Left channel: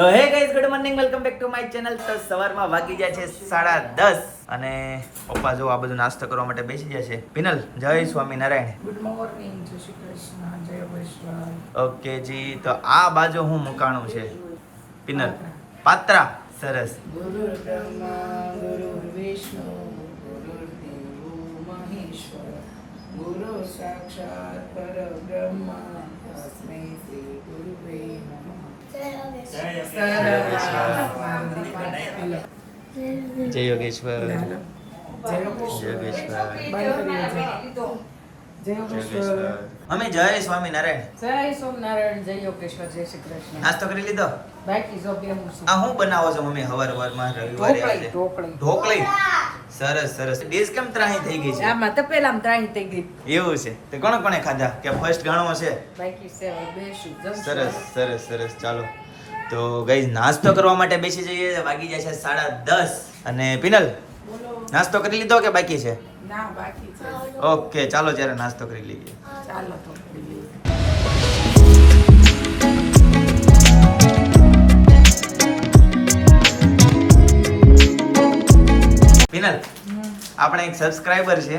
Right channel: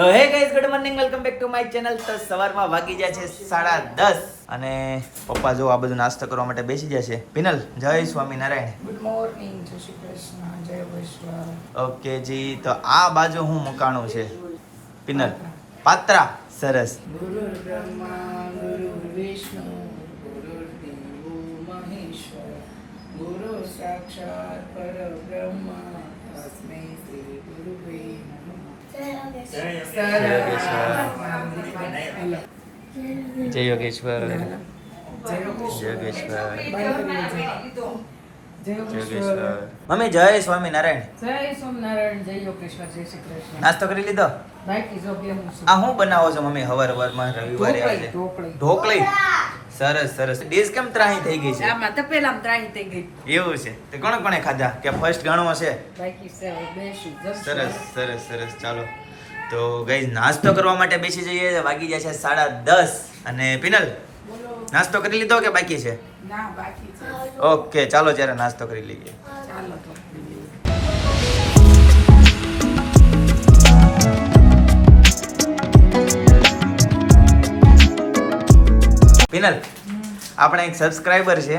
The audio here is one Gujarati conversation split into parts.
Hey guys good morning welcome back to my channel તો સવારમાં વાગી જાય છે સાડા દસ અને પપ્પા જો આ બધું નાસ્તો કરવા માટે બેસી છે. પિનલ જય સ્વામિનારાયણ. ગુડ મોર્નિંગ જય શ્રી કૃષ્ણ જય વૈષ્ણવ. ઓકે જી તો આ બાજુ હું મુકાણું છે. પિનલ પાત્રા. સરસ. ગુરુ સાક્ષાત પરબ્રહ્મા તસ્મૈ શ્રી ગુરુવે નમઃ સરસ. મારો દીકરો. હલો. જય યોગેશ્વર જય જય યોગેશ્વર. યોગેશ્વર બંધ કરી દેજો. જય જય યોગેશ્વર. મમ્મી જય સ્વામિનારાયણ. જય સ્વામિનારાયણ જય યોગેશ્વર જય શ્રી કૃષ્ણ. નાસ્તો કરી લીધો? બાકી જો બે હું આ હું બનાવો છો મમ્મી? હવાર હવારમાં રવિવારે ઢોકળી, આજે ઢોકળી. ઢોકળી? સરસ સરસ. ડીશ કેમ ત્રાહી થઈ ગઈ છે? આમાં તો પેલા ત્રાહી થઈ ગઈ. એવું છે. તો કોણે કોણે ખાધા? કે ફર્સ્ટ ઘણો હશે બાકી છે બેસી સરસ સરસ સરસ. ચાલો. તો ગઈ નાસ્તો કરવા માટે બેસી જઈએ. વાગી જાય છે સાડા દસ. અને પિનલ? નાસ્તો કરી લીધો કે બાકી છે? ના બાકી છે. ઓકે ચાલો જ્યારે નાસ્તો કરી લઈએ. ચાલો તો. પિનલ આપણે એક સબસ્ક્રાઇબર છે.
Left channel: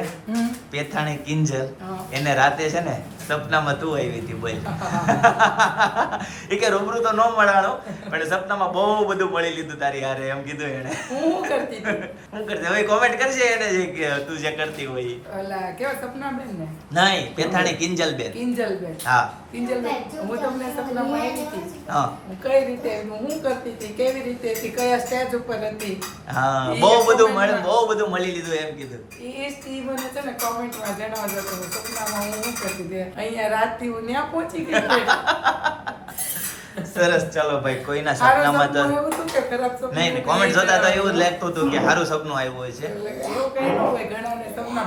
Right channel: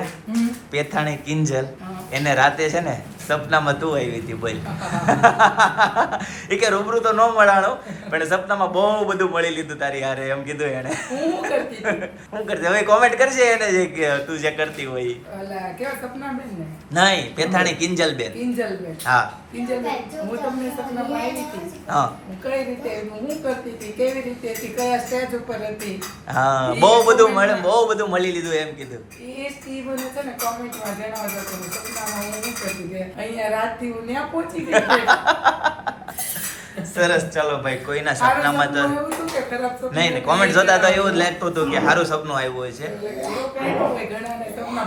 પેથાણી કિંજલ. એને રાતે છે ને સપનામાં તું આવી હતી બોલ. એ કે રૂબરૂ તો ન મળાણો પણ સપનામાં બહુ બધું મળી લીધું તારી હારે એમ કીધું એને હું કરતી હવે કોમેન્ટ કરજે એને જે કે તું જે કરતી હોય. ઓલા કેવા સપના બેન ને? નહીં પેથાણી કિંજલ બેન કિંજલ બેન હા. કિંજલ બેન હું તમને સપનામાં આવી હતી. હા. હું કઈ રીતે હું કરતી હતી? કેવી રીતે હતી? કયા સ્ટેજ ઉપર હતી? હા બહુ બધું મળે બહુ બધું મળી લીધું એમ કીધું. એ મને છે ને કોમેન્ટમાં જણાવજો હું સપનામાં હું શું કરતી હતી? અહીંયા રાતથી હું ત્યાં પહોંચી ગઈ. સરસ ચાલો ભાઈ કોઈના સપનામાં તો નહીં નહીં કોમેન્ટ જોતા તો એવું જ લાગતું હતું કે સારું સપનું આવ્યું હોય છે.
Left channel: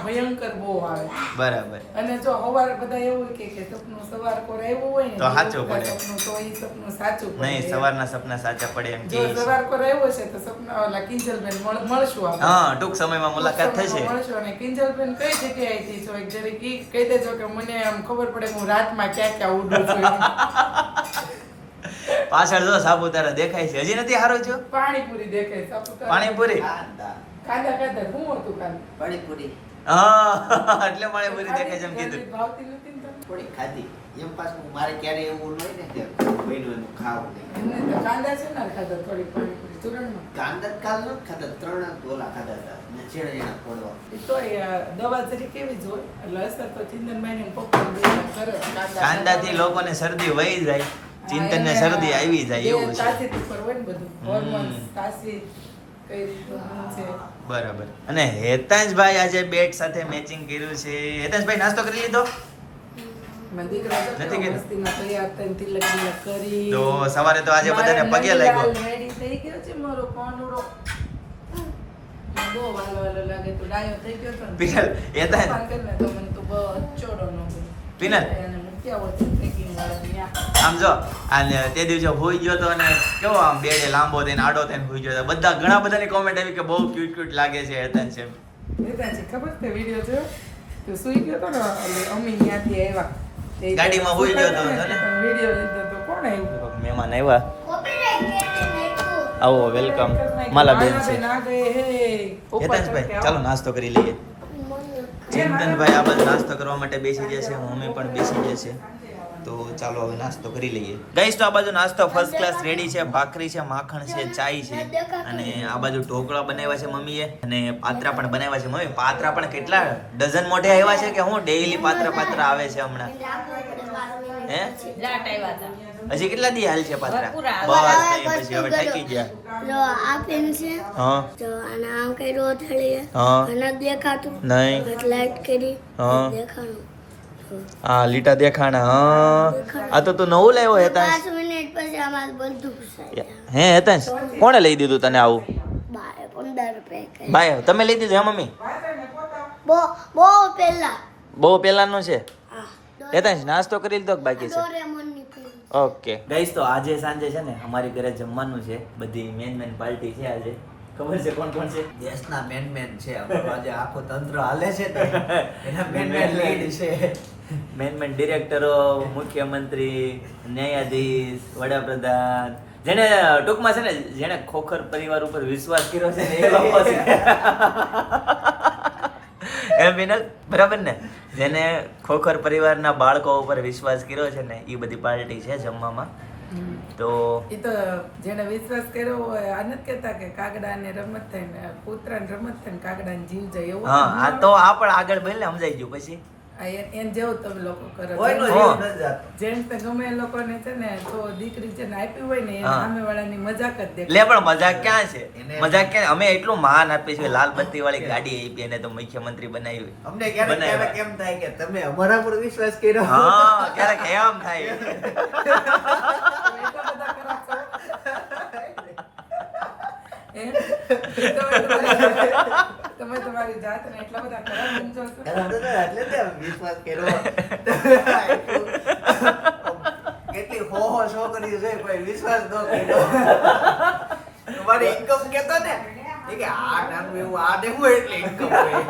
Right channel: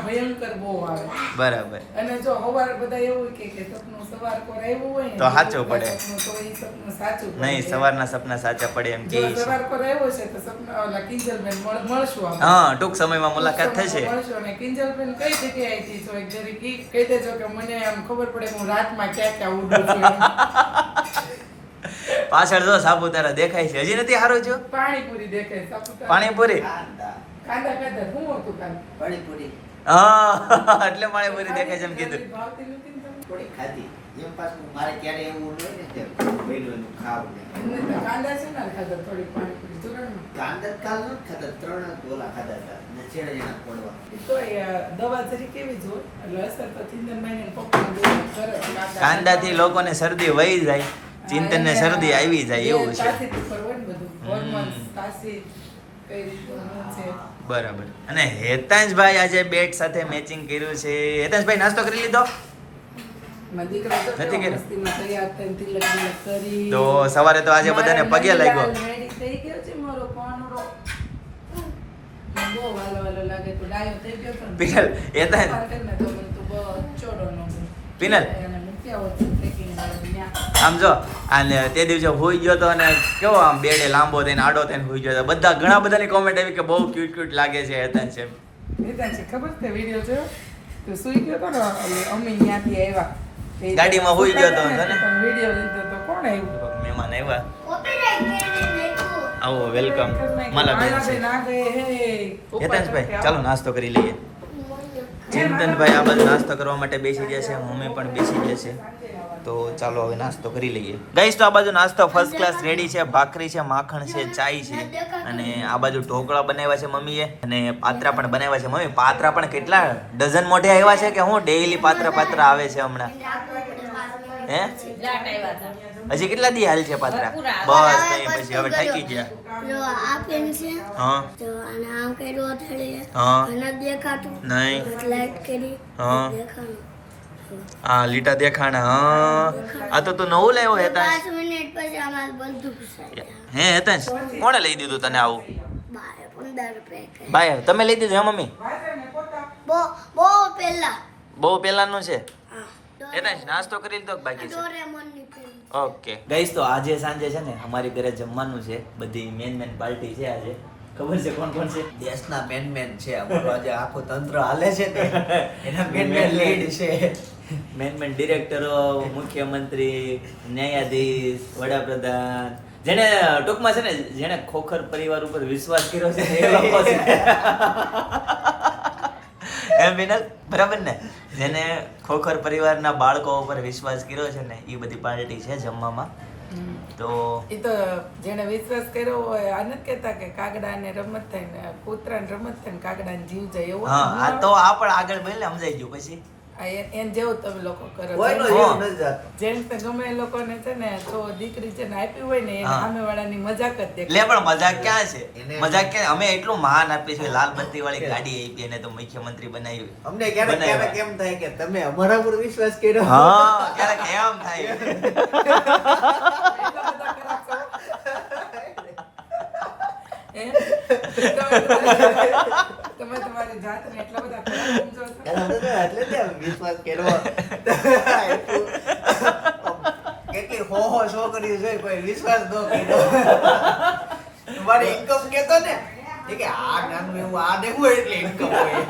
ભયંકર બહુ આવે. બરાબર. અને જો સવારે બધા એવું કે કે સપનું સવાર કોર આવ્યું હોય તો સાચું પડે. તો એ સપનું સાચું નહીં સવારના સપના સાચા પડે એમ જો સવાર કોર આવ્યો છે તો સપના ઓલા કિંજલબેન મળ- મળશું આપણે. હા ટૂંક સમયમાં મુલાકાત થશે. મળશું અને કિંજલબેન કઈ જગ્યાએ આવી છો? એક જરી કી કહી દેજો કે મને એમ ખબર પડે હું રાતમાં ક્યાં ક્યાં ઉડું છું. પાછળ જો સાપુતારા દેખાય છે. હજી નથી હારો જો? પાણીપુરી દેખાય સાપુતારા. પાણીપુરી? કાંદા કાંદા શું હતું કાંદા? પાણીપુરી. હા એટલે પાણીપુરી દેખાય છે એમ કીધું. ભાવતી નથી ને તમને? થોડી ખાધી. એમ પાછું મારે ક્યારે એવું હોય ને કે ભેડું ખાવું ને. કાંદા છે ને ખાધા થોડી પાણીપુરી. ચૂરણમાં. કાંદા કાલ નથી ખાધા ત્રણ જ ખાધા હતા. ને છેડે એના પડવા. તો એ, દવા તરીકે કેવી જ હોય. એટલે અસર તો ચિંતનભાઈને ને પપ્પાને બેયને સરસ કાંદા કાંદાથી લોકોને શરદી વહી જાય. ચિંતન ને શરદી આવી જાય એવું છે. બરાબર. અને હેતાંશભાઈ આજે બેટ સાથે મેચિંગ કર્યું છે. હેતાંશભાઈ નાસ્તો કરી લીધો? નથી કર્યું? તો સવારે તો આજે બધાને પગે લાગ્યો. પિનલ, ગમે. પિનલ. આમ જો અને તે દિવસે હોઈ ગયો તો અને કેવો આમ બેડે લાંબો થઈને આડો થઈને હોઈ ગયો તો. બધા ઘણા બધાની કોમેન્ટ આવી કે બહુ ક્યુટ ક્યુટ લાગે છે હેતન છે હેતન છે ખબર છે વિડિયો છે? તો સુઈ ગયો તો ને અમે ત્યાંથી આવ્યા. ગાડીમાં હોઈ ગયો તો, સુતા ને? હતા લીધો તો કોણ આવ્યું? મહેમાન આવ્યા. આવો વેલકમ માલા બેન છે. ના ગયે હે. ઉપર હેતાંશભાઈ ચડકે ચાલો નાસ્તો કરી લઈએ. ચિંતનભાઈ આ બધા નાસ્તો કરવા માટે બેસી ગયા છે મમ્મી પણ બેસી ગયા છે. તો ચાલો હવે નાસ્તો કરી લઈએ. ગઈશ તો આ બાજુ નાસ્તો ફર્સ્ટ ક્લાસ રેડી છે ભાખરી છે માખણ છે ચાય છે. અને આ બાજુ ઢોકળા બનાવ્યા છે મમ્મીએ. અને પાત્રા પણ બનાવ્યા છે. મમ્મી પાત્રા પણ કેટલા ડઝન મોઢે આવ્યા છે કે હું ડેઈલી પાત્ર પાત્ર આવે છે હમણાં? હે? હજી કેટલા દી હાલ છે પાત્રા? બસ નહીં પછી હવે થાકી ગયા. જો આ પેન છે. હા. તો અને આમ કર્યું અથડીએ. હા. અને દેખાતું. નહીં. લાઈટ કરી. હા. દેખાણું. હા લીટા દેખાણા હા. આ તો તું નવું લાવ્યો હેતા મિનિટ પછી અમારે બધું હે હેતાંશ? કોણે લઈ દીધું તને આવું? બાય ભાઈ તમે લઈ દીધું હે મમ્મી? બહુ બહુ પહેલા. બહુ પહેલાનું છે? હા હેતાંશ નાસ્તો કરી લીધો બાકી છે? ઓકે. ગઈશ તો આજે સાંજે છે ને અમારી ઘરે જમવાનું છે. બધી મેન મેન પાર્ટી છે આજે. ખબર છે કોણ કોણ છે? દેશના મેન મેન છે. અમારો આજે આખો તંત્ર હાલે છે ને. એના મેન મેન લીડ છે. મેન મેન ડિરેક્ટરો મુખ્યમંત્રી ન્યાયાધીશ વડાપ્રધાન. જેને ટૂંકમાં છે ને જેને ખોખર પરિવાર ઉપર વિશ્વાસ કર્યો છે એ લોકો છે. એમ વિનલ બરાબર ને? જેને ખોખર પરિવારના બાળકો ઉપર વિશ્વાસ કર્યો છે ને એ બધી પાર્ટી છે જમવામાં. તો એ તો જેને વિશ્વાસ કર્યો હોય આ નથી કહેતા કે કાગડાને રમત થાય ને કૂતરાને રમત થાય ને કાગડાને જીવ જાય એવું હા આ તો આ પણ આગળ બોલે સમજાઈ ગયું પછી. આ જેવું તમે લોકો કરો ગમે એ લોકોને છે ને જો દીકરી છે ને આપી હોય ને એને હા. સામેવાળાની મજાક જ દેખાય. લે પણ મજાક ક્યાં છે મજાક ક્યાં અમે એટલું માન આપીએ છીએ લાલ બત્તી વાળી ગાડી આપી એને તો મુખ્યમંત્રી બનાવી અમને ક્યારેક ક્યારેક એમ થાય કે તમે અમારા પર વિશ્વાસ કર્યો હા ક્યારેક એમ થાય તમે તમારી- જાતને એટલા બધા ખરાબ સમજો છો? એટલે જ આમ વિશ્વાસ કર્યો. કેટલી હો હો છોકરીઓ છે કોઈ વિશ્વાસ ન કર્યો. તમારે ઇન્કમ કેતો ને એ કે આ નાનું એવું આ દેવું એટલે ઇન્કમ હોય.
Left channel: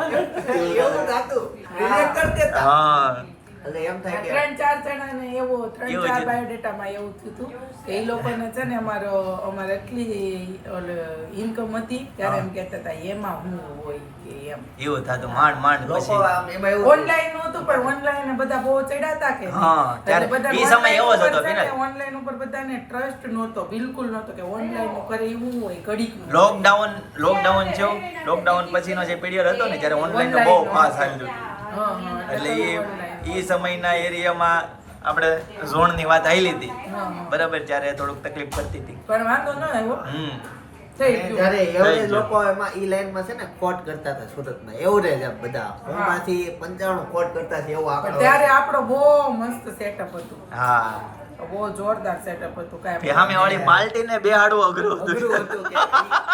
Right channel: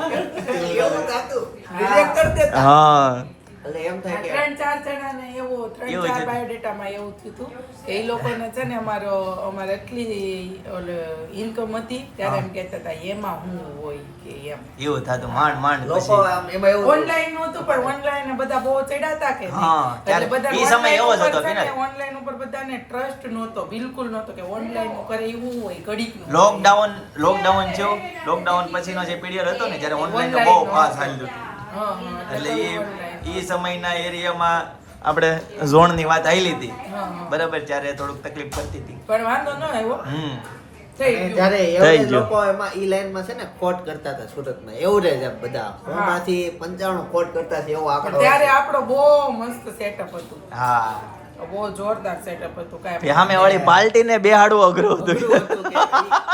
એવું થતું રિજેક્ટ કરી દેતા. હા. એટલે એમ થાય કે ત્રણ ચાર જણાને એવું ત્રણ ચાર. બાયોડેટામાં એવું થયું હતું કે એ લોકોને છે ને અમારો અમારે એટલી ઇન્કમ હતી ત્યારે એમ કહેતા હતા એમાં હું હોય કે એમ એવું થતું માંડ માંડ લોકો એમાં એવું ઓનલાઈન નહોતું પણ ઓનલાઈન બધા બહુ ચડાતા કે? હા, ત્યારે બધા એ સમય એવો જ હતો, ને, વિનય. online ઉપર બધાને ટ્રસ્ટ નહોતો બિલકુલ નહોતો કે ઓનલાઈન કરે એવું હોય ઘડીક લોકડાઉન લોકડાઉન છે લોકડાઉન પછીનો જે પીરિયડ હતો ને જ્યારે ઓનલાઈન બહુ ફાસ્ટ નહોતું. હતું એટલે એ. એ સમયના એરિયામાં આપણે ઝોનની વાત આવી હતી હા, હા. બરાબર ત્યારે થોડુંક તકલીફ પડતી હતી. પણ વાંધો ન આવ્યો. હમ. ત્યારે થઈ લોકો એમાં ઈ લાઈનમાં છે ને કોટ કરતા હતા સુરતમાં એવું રહે છે બધા. હોમાંથી પંચાણું કોટ કરતા છે એવો આંકડો ત્યારે આપણો બહુ મસ્ત સેટઅપ હતું. હા. બહુ જોરદાર સેટઅપ હતું કાંઈ સામે વાળી પાર્ટીને બે હાડું અઘરું હતું. અઘરું હતું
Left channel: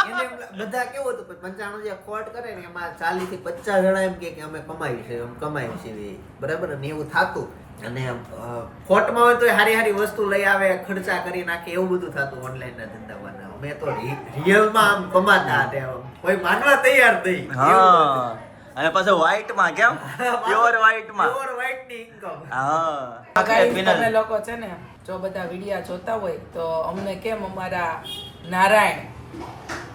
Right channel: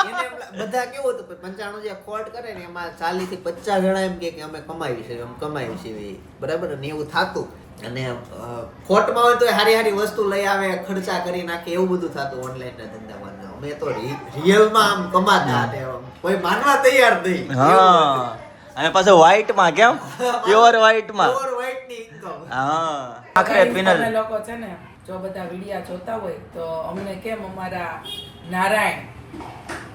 એને બધા કેવું હતું પંચાણું જે ખોટ કરે ને એમાં ચાલીસથી પચાસ જણા એમ કે કે અમે કમાવી છે અમે કમાવી છે બરાબર? ને એવું થતું. અને ખોટમાં હોય તો હારી હારી વસ્તુ લઈ આવે ખર્ચા કરી નાખે એવું બધું થતું ઓનલાઈન ના ધંધામાં. અમે તો રિયલમાં આમ કમાતા હતા કોઈ માનવા તૈયાર નહીં. હા. અને પાછો વ્હાઈટમાં કેમ? પ્યોર વ્હાઈટમાં પ્યોર વ્હાઈટની ઇન્કમ હા. આખરે પિનલ લોકો છે ને જો બધા વિડિયા જોતા હોય તો અમને કેમ અમારા નારાયણ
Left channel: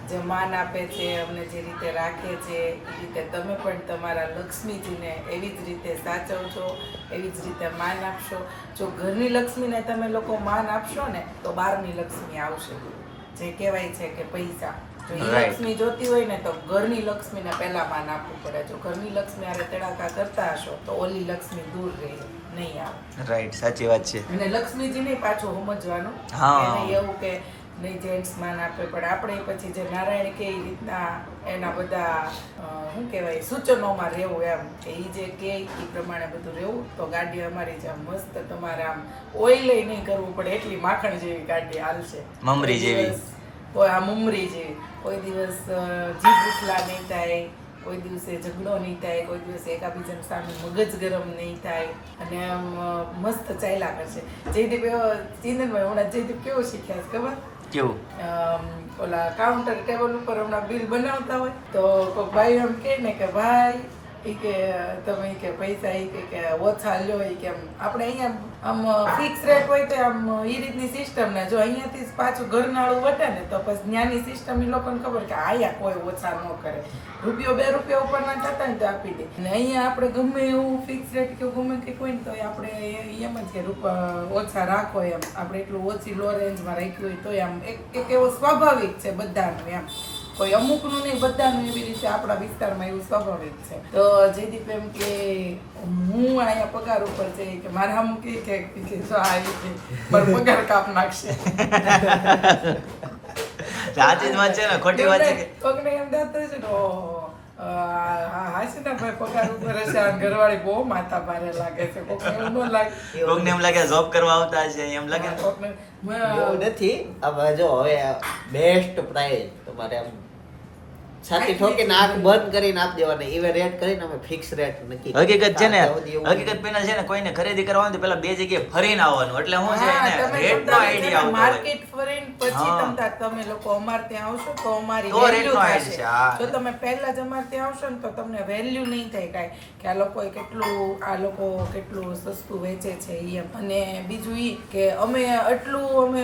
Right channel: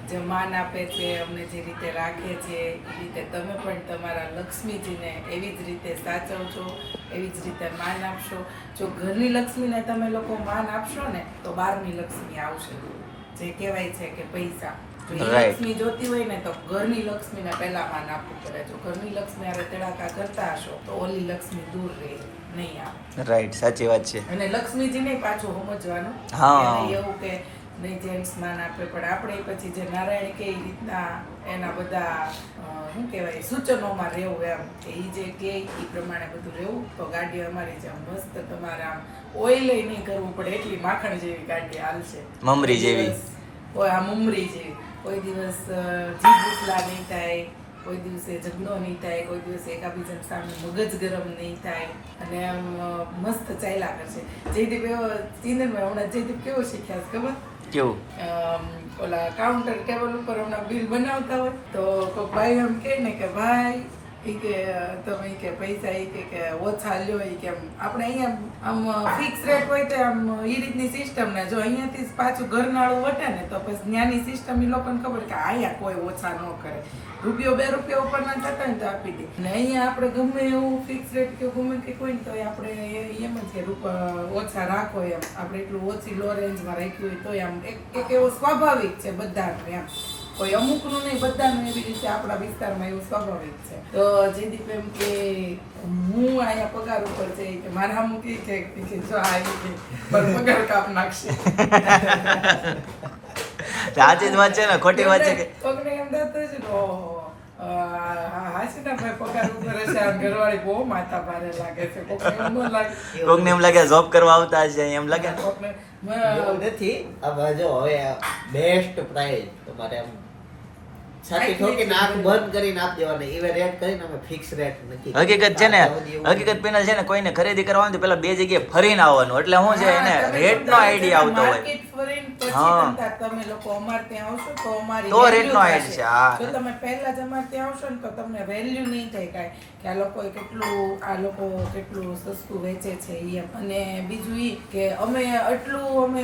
જે માન આપે છે, અમને જે રીતે રાખે છે, એ રીતે તમે પણ તમારા લક્ષ્મીજીને એવી જ રીતે સાચવજો, એવી જ રીતે માન આપશો જો ઘરની લક્ષ્મીને તમે લોકો માન આપશો ને, તો બહારની લક્ષ્મી આવશે જે કહેવાય છે કે પૈસા. લક્ષ્મી જોતી હોય ને તો ઘરની લક્ષ્મીને પહેલા માન આપવું પડે. જો ઘરની લક્ષ્મી આરે તેડાકા કરતા હશો તો ઓલી લક્ષ્મી દૂર રહે નહીં આવે. રાઈટ સાચી વાત છે. અને લક્ષ્મીજી નહીં પાછું સમજવાનું. હા. એવું કે નહીં જેન્ટ્સ માન આપે પણ આપણે પછી જે નારાયણ કે રીતના એના બધા શું કહેવાય સૂચનોમાં રહેવું એમ કે એ જે કે એ પ્રમાણે બધું રહેવું તો ગાડી અમારી જે મસ્ત તમારે આમ ઓઇલ નહીં કરવું પડે એટલી માખણ જેવી ગાડી હાલશે. મમરી જેવી. કોઈ આ મમરી છે કોઈ દિવસ જીભ ઉથલા નહીં થાય કોઈ દિવસે ઝઘડો નહીં થાય કોઈ દિવસે એકાબીજાની સામે મગજ ગરમ નહીં થાય અને આમ મસ્ત ચાલ્યા કરશે જયદીપ એવો ચિંતનભાઈ હમણાં જયદીપ કેવો શીખ્યા છે ખબર? કેવું? ઓલા કાઉન્ટર ટેબલ ઉપર હમણાં બિલ બનાવતા હોય તો કોઈ ભાઈ એમ કહે ને કે ભાઈ એ કે તમે કે પૈસા એ કે કે ઓછા લ્યો એ કે આપણે અહીંયા આમ ફિક્સ રેટ હોય તો આમ ઈ રીતની સિસ્ટમ ને જો અહીંયાથી પાછું ઘરનાળું વટે ને તો પછી ત્યાંની સિસ્ટમ એ લોકોને ખબર કે આયા કોઈ ઓછા ન કરે. રૂપિયો બે રૂપિયા ઉપરના થતા ને તો આપી દે. ને અહીંયા આપણે ગમે એવું ફિક્સ રેટ કે ગમે કંઈક હોય ને તો આપણે એમ જ કે ઓછા રાખો એમ. આપણે એટલું ઓછી લો રેન્જમાં રાખ્યું હોય તોય આમ એક એવો સ્વાભાવિક છે બધાનું એમ. કોઈ અમુકનું નહીં, બધાનું એવી રીતે આપણા વિસ્તારમાં એવું સ્વાભાવિક છે. તો જયદીપ એમ કે, હું અહીંયા પગાર ઉપર છે. કે, મારા અમુક કે કે કે આ ઈ પગાર કાપ નાખશે સાચી વાત છે ને ખોટી વાત છે કે? કોકને એમ છે ને લાગે છે. કોકને એમ લાગે. એમ લાગે જોબ કરવા આવતા છે એમ લાગે? નથી. હવે જો હવે બેસ્ટ પ્રાઇઝ તમારે આમ છાતી ઠોકીને આંખ બંધ કરીને આપી દેવાની. એવે રેટ કરીને અમે ફિક્સ રેટ હકીકત છે ને ત્યાં સુધી એવું હકીકત પેનલ છે ને કોઈને ખરીદી કરવા પેલા બે જગ્યાએ ફરીને આવવાનું. એટલે શું છે એને તમે રેટ નો આઈડિયા આવતો હોય. માર્કેટ ફરીને પછી તમે લોકો અમારે ત્યાં આવશો તો અમારી તો value નો થશે. છે, હા. જો તમે પહેલા જ અમારે ત્યાં આવશો ને તો તમને વેલ્યુ નહીં થાય કાંઈ. કે આ લોકોએ કેટલું આ લોકો કેટલું સસ્તું વેચે છે એ અને બીજું ઈ કે અમે આટલું અમે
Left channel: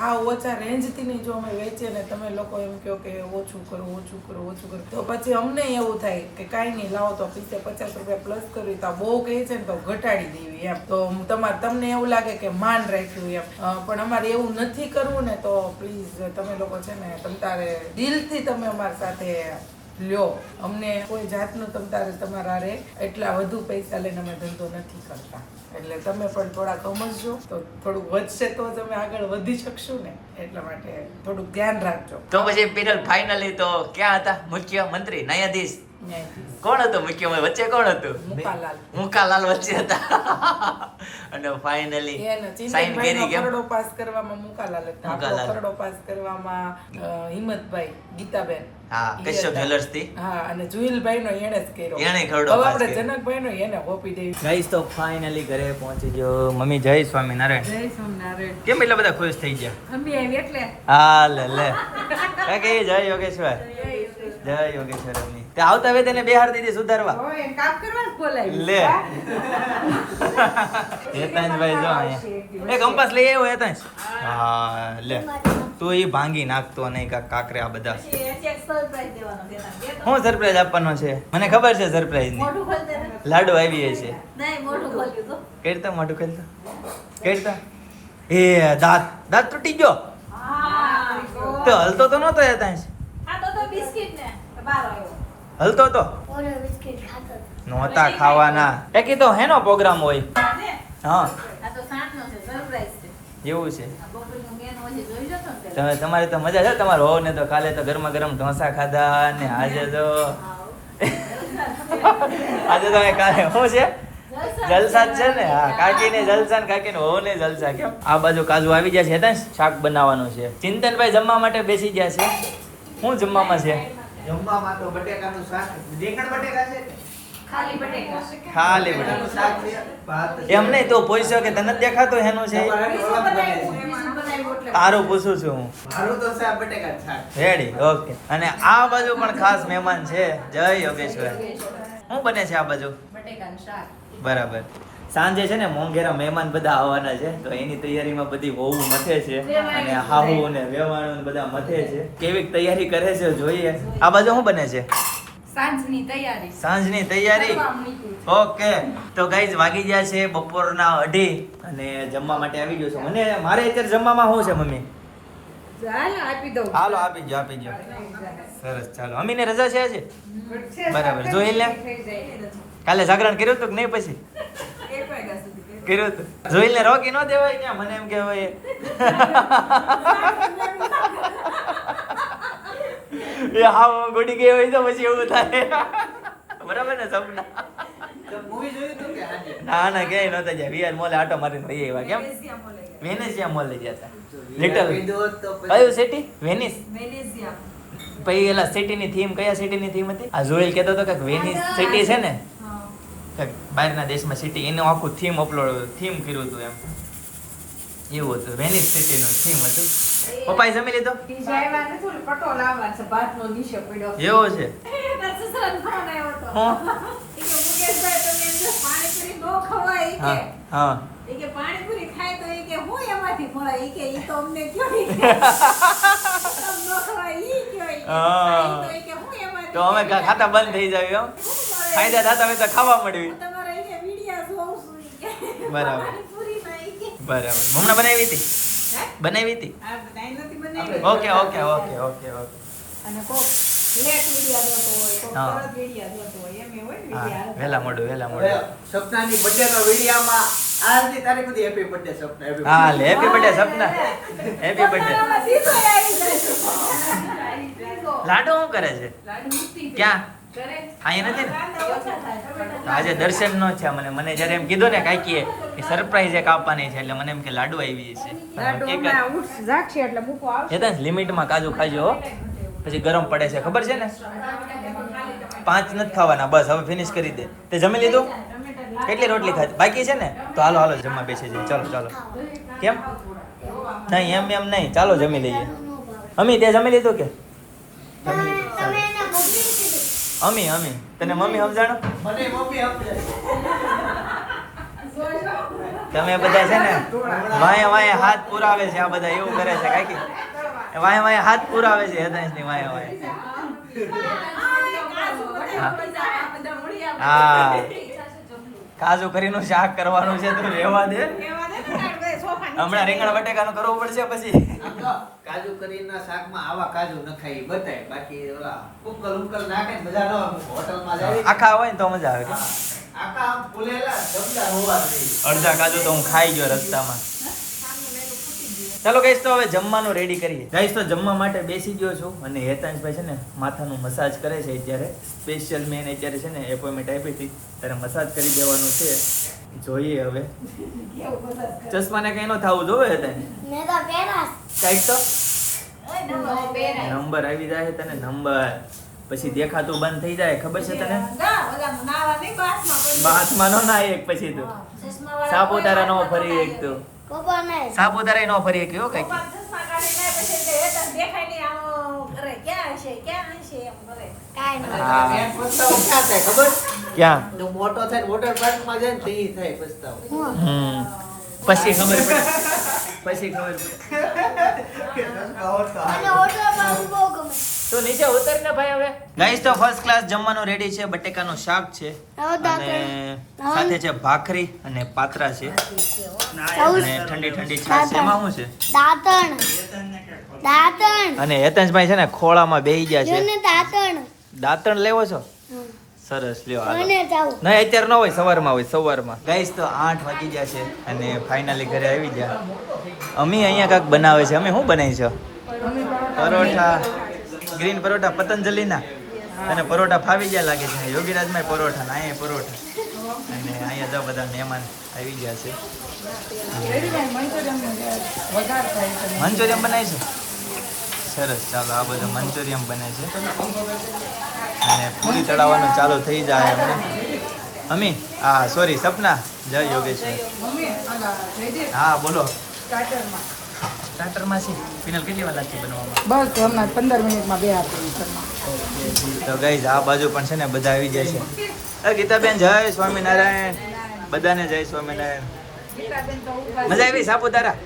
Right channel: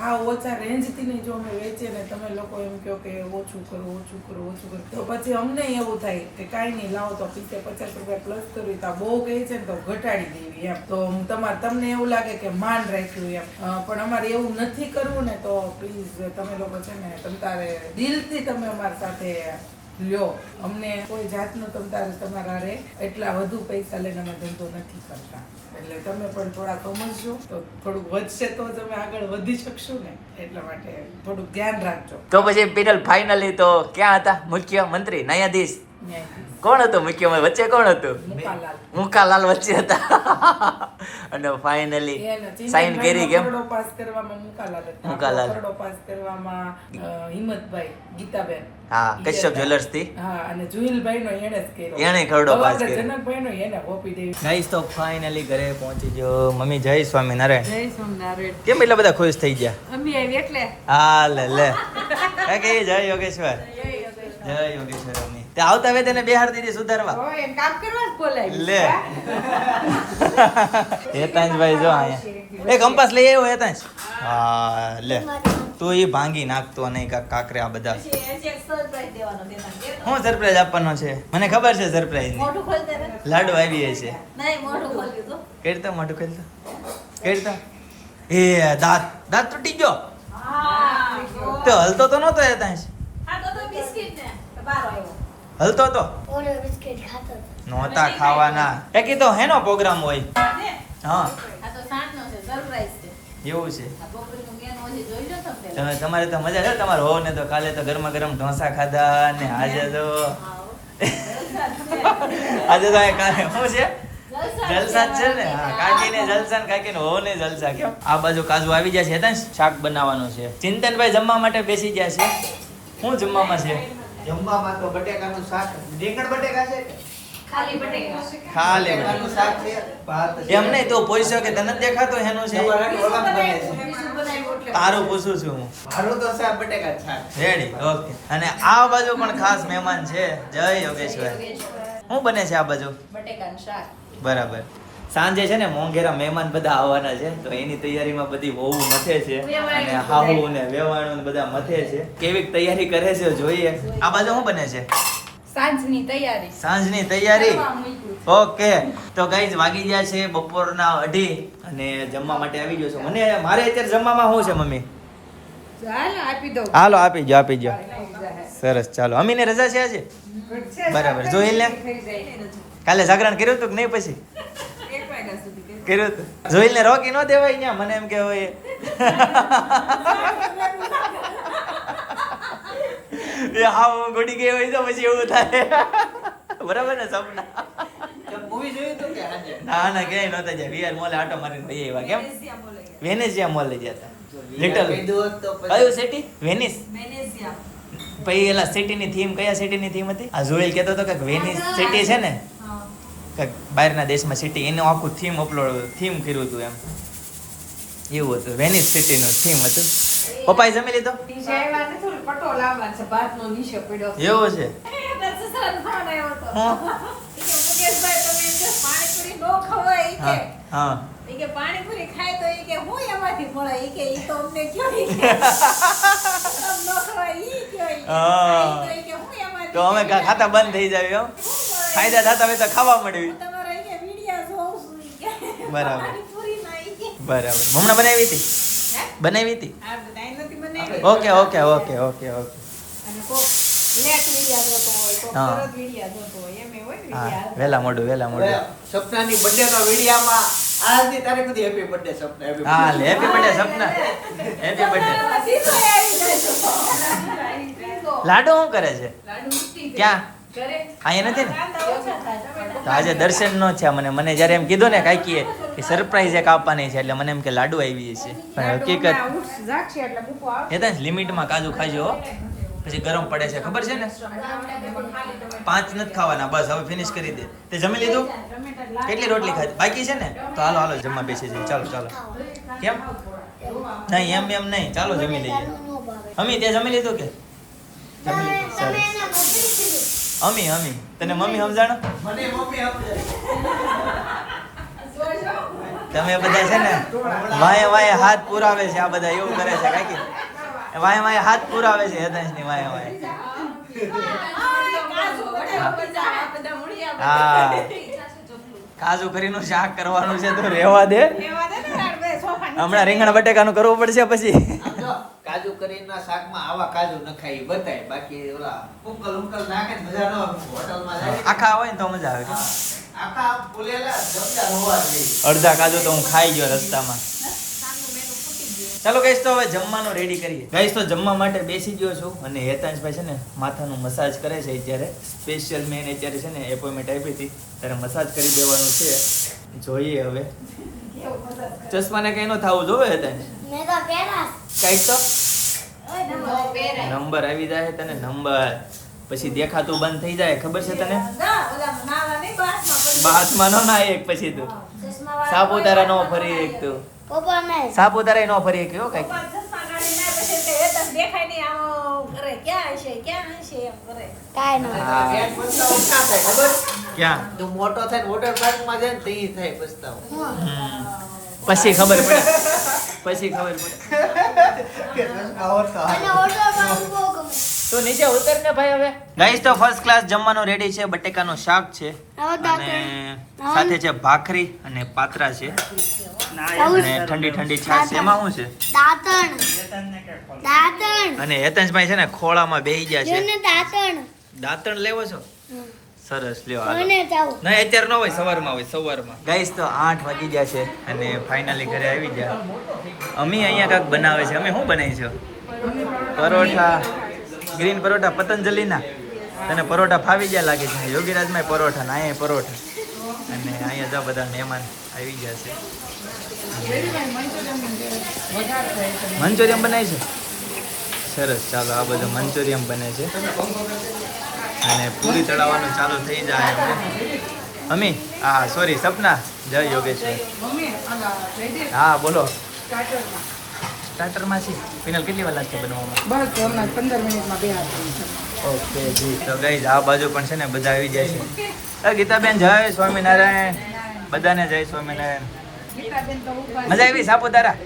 હા ઓછા રેન્જથી ની જો અમે વેચીએ ને તમે લોકો એમ કહો કે ઓછું કરો ઓછું કરો, ઓછું કરો. તો પછી અમને એવું થાય કે કાંઈ નહીં, લાવો તો પીસે પચાસ રૂપિયા પ્લસ કર્યું, તો બહુ કહે છે ને તો ઘટાડી દેવી એમ. તો તમારે, તમને એવું લાગે કે માન રાખ્યું એમ. પણ અમારે એવું નથી કરવું ને તો પ્લીઝ તમે લોકો છે ને તમ તારે દિલથી તમે અમારી સાથે લ્યો અમને કોઈ જાતનું તમ તમારા રે એટલા વધુ પૈસા લઈને અમે ધંધો નથી કરતા. એટલે તમે પણ થોડા સમજજો તો થોડુંક વધશે તો જ અમે આગળ વધી શકશું ને. એટલા માટે થોડુંક ધ્યાન રાખજો. તો પછી પેનલ ફાઇનલી તો ક્યાં હતા? મુખ્ય મંત્રી ન્યાયાધીશ? કોણ હતું મુખ્ય વચ્ચે કોણ હતું? મુકાલાલ. મુકાલાલ વચ્ચે હતા. અને ફાઇનલી સાઈન કરી કેમ? પાસ કરવામાં મુકાલાલ હતા. પાસ કરવામાં હિંમતભાઈ ગીતાબેન. હા, કશ્યપ જ્વેલર્સથી. હા અને જુહિલભાઈનો એને જ કર્યો. એને ખરડો પાસ કર્યો. જનકભાઈ નો એને હોપી દે ગાઈસ તો ફાઇનલી ઘરે પહોંચી ગયો. મમ્મી જય સ્વામિનારાયણ. જય સોમનારાયણ કેમ એટલા બધા ખુશ થઈ ગયા? મમ્મી આવી એટલે. હા લે. લે કે જય યોગેશ્વર. જય યોગેશ્વર. અમ્મી. તે આવતા હવે તેને બેહાર દીધી સુધારવા. હવે એમ કામ કરવા જ બોલાવી. લે. હેતાંશભાઈ જો અહીંયા. એ કંપાસ લઈ આવ્યો હેતાંશ. હા લે. તું એ ભાંગી નાખતો નહીં કાંક કાકરે આ બધા શું સરપ્રાઈઝ આપવાનો છે? મને ખબર છે સરપ્રાઈઝની. લાડુ આવી છે નહીં મોઢું ખોલ્યું કેડતા ખેલતો કેડતા એ દાંત. દાંત તૂટી ગયો? તો હલતો તો નહોતો એ ત્યાં તો તો બિસ્કિટ ને. બાર આવ્યો. હલતો તો. નહોતા ખાવાના. એ કીધો હેનો પ્રોગ્રામ હોય. હા આ તો સાંજનો છે સરપ્રાઈઝ છે એવું છે. આ બપોરનું મેનુ હજી જોઈ લો તો તમે તમારી તો મજા છે તમારે હો ને તો કાલે તો ગરમા ગરમ ઢોસા ખાધા ને આજે તો આજે તો કાલે શું છે? જલસા જ છે ને? હા કાકી ને જલસા ને કાકી ને હો ને જલસા કેમ? આ બાજુ કાજુ આવી ગયા છે શાક બનાવવાનું છે. ચિંતનભાઈ જમવા માટે બેસી ગયા છે. શું જમવામાં છે? જમવામાં તો બટેકાનું શાક રીંગણ બટેકા છે? ખાલી બટેકા. એમ નહીં તો પૂછ્યો કે તને દેખાતો એનો છે? તારું પૂછું છું હું. મારું તો શાક બટેકા શાક રેડી ઓકે અને આ બાજુ પણ ખાસ મહેમાન છે. જય યોગેશ્વર. શું બને છે આ બાજુ? બટેકાનું શાક. બરાબર. સાંજે છે ને મોંઘેરા મહેમાન બધા આવવાના છે તો એની તૈયારીમાં બધી વહુ મથે છે અને હાહુ ને વેવાણું ને બધા મથે છે. કેવી તૈયારી કરે છે જોઈએ. આ બાજુ શું બને છે? સાંજની તૈયારી. સાંજની તૈયારી? ઓકે. તો ગાઈઝ વાગી ગયા છે બપોરના અઢી અને જમવા માટે આવી ગયો છું. મને મારે અત્યારે જમવામાં શું છે મમ્મી? ચાલ આપી દઉં. હાલો આપી જો આપી જો સરસ ચાલો. અમીને રજા છે આજે? બરાબર. જોઈ લે. કાલે જાગરણ કર્યું હતું કે નહીં પછી? કર્યું. હતું. જોઈ ને રોકી ન દેવાય ત્યાં મને એમ કે હોય એ હા હું ગઈ હોય તો પછી એવું થાય. બરાબર ને સપના? મૂવી જોયું હતું કે આજે ના ના ક્યાંય નહોતા જ્યાં વીઆર મોલે આટો મારીને ભાઈ આવ્યા. કેમ? વેનેસિયા મોલે ગયા. હતા. લિટલ કયું સિટી વેનિસ. પછી એલા સિટીની થીમ કયા સિટીની થીમ હતી? આ જોયેલ કહેતો હતો કે વેનિસ સિટી છે ને? કંઈક બહારના દેશમાં સિટી એનું આખું થીમ અપલોડ થીમ કર્યું હતું એમ. એવું હતું. વેનિસ સિટીનું થીમ હતું. પપ્પાએ જમી લીધો? પટો લાવવાનો છે. ભાતનો નીચે પડ્યો. છે. છે? તો અમે ખાતા બંધ થઈ જાય એમ ફાયદા થતા હોય તો ખાવા મળ્યું બરાબર. બરાબર. હમણાં બનાવી હતી? બનાવી હતી? Okay okay okay okay okay. અને કોક લેટ વિડિયા જોતો હોય કોક હા. તરત વિડિયા જોતો હોય એમ હોય ને હા વિડિયા વહેલા મોડું વહેલા મોડું સપનાની બર્થડે નો વિડીયામાં આજની તારીખ સુધી હેપી બર્થડે સપના હા happy birthday Sapna happy birthday Ladu શું કરે છે. ક્યાં? અહીંયા નથી થાય. આજે દર્શન નો છે મને. મને જ્યારે એમ કીધું ને કાંઈકીએ કે સરપ્રાઈઝ એક આપવાની છે એટલે મને એમ કે લાડુ આવી છે. હકીકત. એ તો લિમિટમાં કાજુ ખાજો પછી ગરમ પડે છે ખબર છે ને? પાંચ નથી ખાવાના બસ હવે ફિનિશ કરી દે. તે જમી લીધું? કેટલી રોટલી ખાધી? બાકી છે ને? તો હાલો હાલો જમવા બેસી જઈએ. ચાલો ચાલો. કેમ? નહીં એમ એમ નહીં. ચાલો જમી લઈએ. અમી તે જમી લીધું કે? જમી અમી અમી. તને મમ્મી સમજાણો? મને મમ્મી સમજાય. તમે બધા છે ને વાય વાય હાથ પુરાવે છે આ બધા એવું કરે છે કાકી વાય વાય હાથ પુરાવે છે હેદાંશની વાય વાય હા. કાજુ કરીનું શાક કરવાનું છે તો રહેવા દે. હમણાં રીંગણ બટેકાનું કરવું પડશે પછી. કાજુ કરીના શાકમાં આવા કાજુ નખાય બતાય. બાકી ઓલા ઉકલ ઉકલ નાખે મજા ન આવે. હોટલમાં જાય. આખા હોય ને તો મજા આવે. આખા ફૂલેલા સમજા હોવા જોઈએ. અડધા કાજુ તો હું ખાઈ ગયો રસ્તામાં. ચાલો ગઈશ તો હવે જમવાનું રેડી કરીએ. ગઈશ તો જમવા માટે બેસી ગયો છું અને હેતાંશભાઈ છે ને માથાનું મસાજ કરે છે અત્યારે. સ્પેશિયલ મેન અત્યારે છે ને એપોઇન્ટમેન્ટ આપી હતી. ત્યારે મસાજ કરી દેવાનું છે. જોઈએ હવે. ચશ્માને કઈ ન થવું જોવે તને? મેં તો પહેરા કંઈક તો? નંબર આવી જાય તને નંબર. પછી દેખાતું બંધ થઈ જાય ખબર છે તને? બાથમાં નો ના એક પછી તું. સાપુતારા નો ફરી એક તું. પપ્પા ને સાપુતારા નો ફરી એક એવો કંઈક. દેખાય નહીં હા. પેટ પસ્તાવો ક્યાં થાય ખબર? ક્યાં? તો મોટો થાય વોટર પાર્કમાં જાય ને તે થાય પસ્તાવો. હમ. પછી ખબર પડે. પછી ખબર પડે. તો નીચે ઉતર ને ભાઈ હવે. ગાઈસ તો ફર્સ્ટ ક્લાસ જમવાનું રેડી છે. બટેકાનું શાક છે. અને સાથે છે ભાખરી અને પાત્રા છે. અને ઠંડી ઠંડી છાશ એમાં શું છે? દાંતણ. દાંતણ. અને હેતંશભાઈ છે ને ખોળામાં બેહી ગયા છે. ને દાંતણ. દાંતણ લેવો છો. સરસ લ્યો નહીં અત્યારે ન હોય સવારમાં હોય સવારમાં. ગાઈસ તો આઠ વાગી ગયા છે અને ફાઇનલી ઘરે આવી ગયા. અમી અહીંયા કાંઈક બનાવે છે. અમે શું બનાવી છો? પરોઠા. ગ્રીન પરોઠા પતંજલિના. અને પરોઠા ફાવી ગયા લાગે છે. યોગીરાજમાં પરોઠા ને અહીંયા પરોઠા. અને અહીંયા જો બધા મહેમાન આવી ગયા છે. મંચુરિયમ બનાવી છે? સરસ ચાલો આ બધું મંચુરિયમ બને છે. અને પૂરી ચડાવવાનું ચાલુ થઈ જાય હમણાં અમી હા સોરી સપના. જય યોગેશ્વર. હા બોલો. સ્ટાર્ટરમાં છે. પિનલ કેટલી વાર લાગશે બનાવવામાં બસ હમણાં પંદર મિનિટમાં બે હાથ તો ગઈ આ બાજુ પણ છે ને બધા આવી જાય છે. ગીતાબેન જય સ્વામિનારાયણ. બધાને જય સ્વામિનારાયણ. મજા આવી સાપુતારા?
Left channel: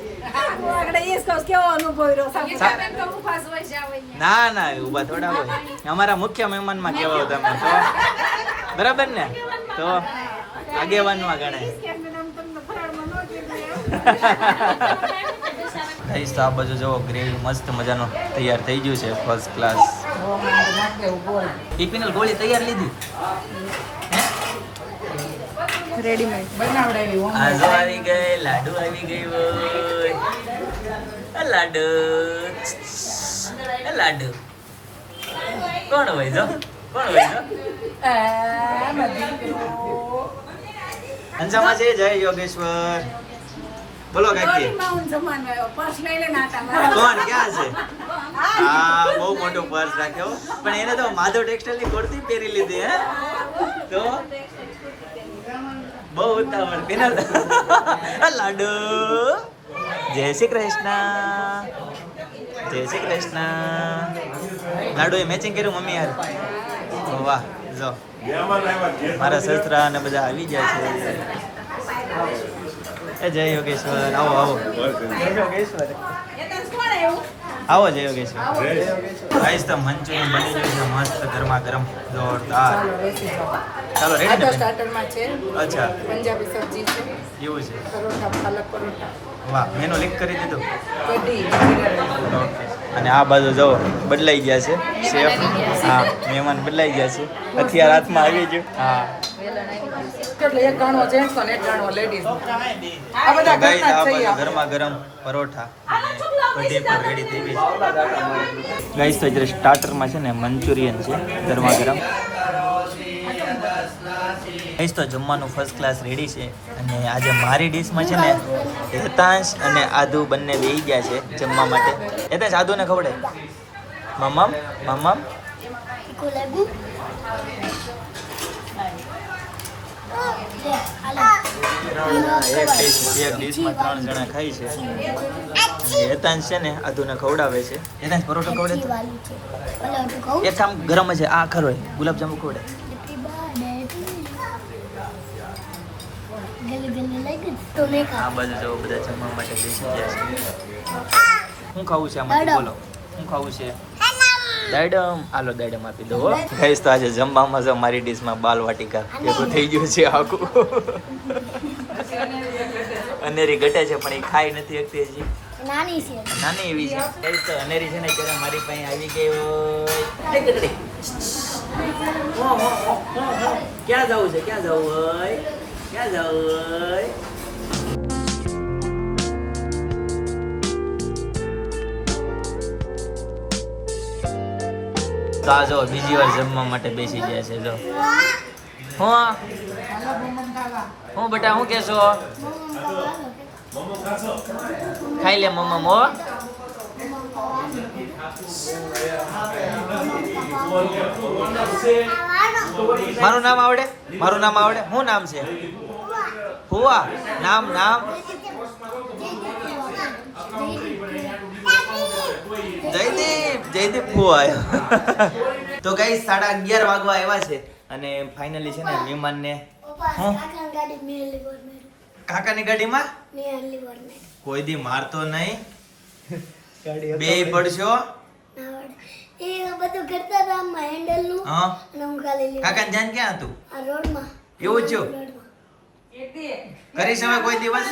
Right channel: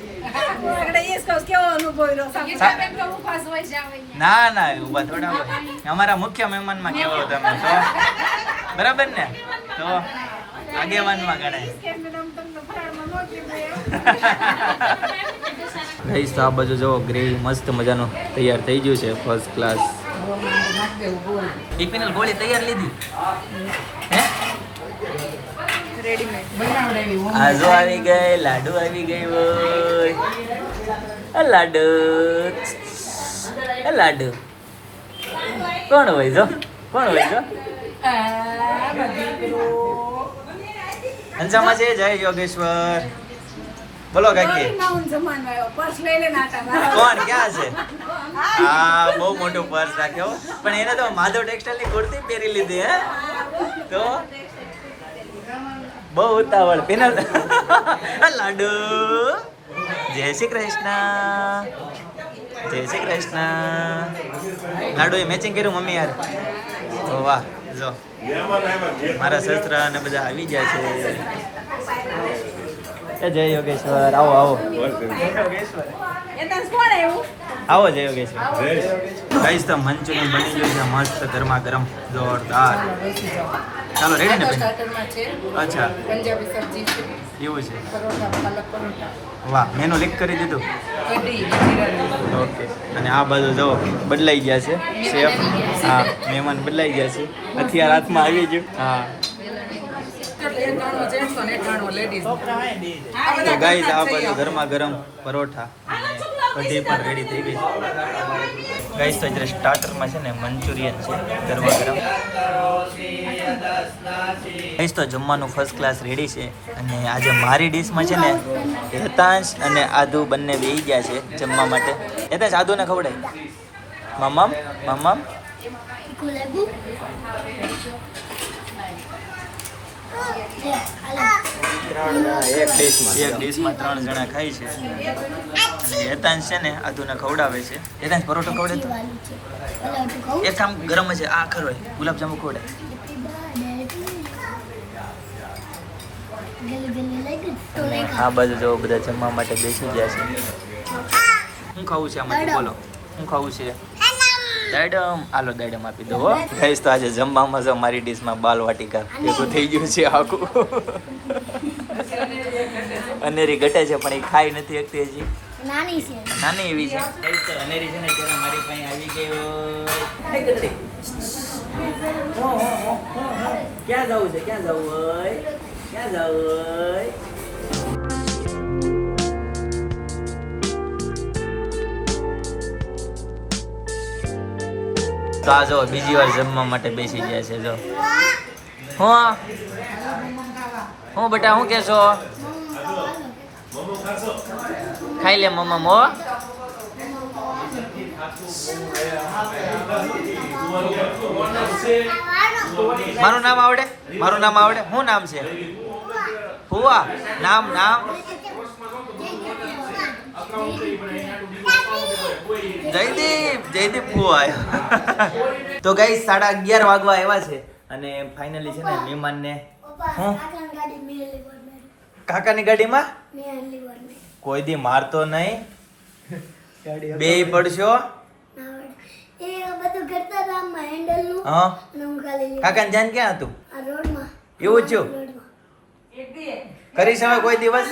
ના ના ઊભા થોડા હોય અમારા મુખ્ય મહેમાનમાં કેવો તમે તો બરાબર ને તો આગેવાનમાં ગણાય ગઈશ તો આ બાજુ જો ગ્રેવી મસ્ત મજાનો તૈયાર થઈ ગયું છે ફર્સ્ટ ક્લાસ ટિફિનલ ગોળી તૈયાર લીધી હે બનાવડાવી હું આવી ગઈ લાડુ આવી ગઈ હોય લાડુ. લાડુ. કોણ હોય જો? કોણ હોય જો? અંજામાં છે? જય યોગેશ્વર. બોલો કાકી. કોણ? ક્યાં છે? હા બહુ મોટો પર્સ રાખ્યો. પણ એને તો માધવ ટેક્સટાઇલની કુર્તી પહેરી લીધી હે? તો? બહુ ઉતાવળ. પેનલ લાડુ. જય શ્રી કૃષ્ણ. જય શ્રી કૃષ્ણ. લાડુ એ મેચિંગ કર્યું મમ્મી યાર. તો વાહ જો. મારા સસરા અને બધા આવી ગયા છે. એ જય યોગેશ્વર. આવો આવો. આવો જય યોગેશ્વર. ગાઈસ તો મંચુરિયન બની ગયું છે. મસ્ત ગરમા ગરમ જોરદાર. ચાલો રેડી ને સ્ટાર્ટરમાં છે. અચ્છા. પંજાબી સબ્જી છે. એવું છે. પરોઠા પાલક પરોઠા. વાહ મેનુ લીક કરી દીધું? ઓકે અને આ બાજુ જો બદલાઈ ગયા છે. શેફ હા મહેમાન બદલાઈ ગયા છે. હથિયાર હાથમાં આવી ગયું. હા. તો ગાઈઝ આ બાજુ ગરમા ગરમ પરોઠા. અને કઢી પણ રેડી થઈ ગઈ ગાઈઝ તો સ્ટાર્ટરમાં છે ને મંચુરિયન છે ગરમા ગરમ. ગાઈઝ તો જમવાનું ફર્સ્ટ ક્લાસ રેડી છે. અને આજે મારી ડીશમાં છે ને હેતાંશ અને આદુ બંને બેહી ગયા છે જમવા માટે. હેતાંશ આદુને ખવડાય. મમ્મમ મમ્મમ. એક ડીશમાં ત્રણ જણા ખાય છે. અને હેતાંશ છે ને આદુને ખવડાવે છે. હેતાંશ પરોઠો ખવડે તો? એક કામ ગરમ છે. આ ખરો ગુલાબજાંબુ ખવડે આ બાજુ જો બધા જમવા માટે બેસી ગયા છે. શું ખાવું છે આમાંથી? બોલો. શું ખાવું છે? દાડમ. આલો દાડમ આપી દો ગાઈસ તો આજે જમવામાં જો મારી ડીશમાં બાલ વાટિકા ભેગું થઈ ગયું છે આખું. અનેરી ઘટે છે પણ એ ખાઈ નથી શકતી હજી. નાની છે. નાની એવી છે. ગાઈસ તો અનેરી છે ને ત્યારે મારી પાસે આવી ગઈ. હો, હો, હો, હો, હો. ક્યાં જવું છે? ક્યાં જવું હોય? ક્યાં rồi. તો આ જો બીજી વાર જમવા માટે બેસી ગયા છે, જો. હું. હું બેટા, શું કેશો ખાઈ લે મમ્મા, મો. મારું નામ આવડે? મારું નામ આવડે? શું નામ છે? ફુવા નામ નામ. જયદીપ જયદીપ ફુવા તો ગઈ સાડા અગિયાર વાગવા આવ્યા છે અને ફાઇનલી છે ને મહેમાનને હું? આખા ગાડી મેં કાકાની ગાડીમાં? કોઈ દી મારતો નહીં. બે પડશો. કાકા ધ્યાન ક્યાં હતું? એવું જ થયું? કરીશ હવે કોઈ દિવસ.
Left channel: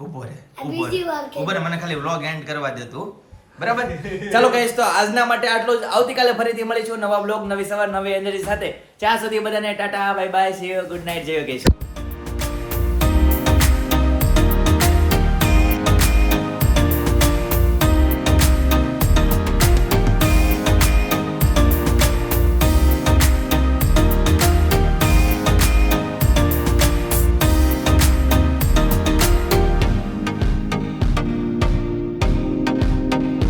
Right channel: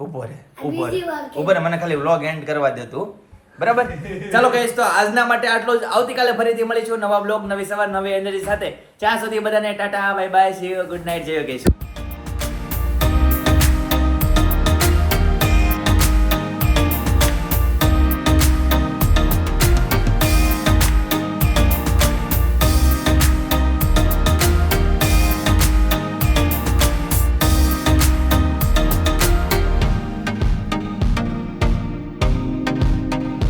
ઊભો રે ઊભો રે ઊભો રે મને ખાલી વ્લોગ એન્ડ કરવા દે તું. બરાબર? ચાલો કહીશ તો આજના માટે આટલું જ. આવતીકાલે ફરીથી મળીશું નવા બ્લોગ નવી સવાર નવી એનર્જી સાથે. ત્યાં સુધી બધાને Tata bye bye see good night જય યોગેશ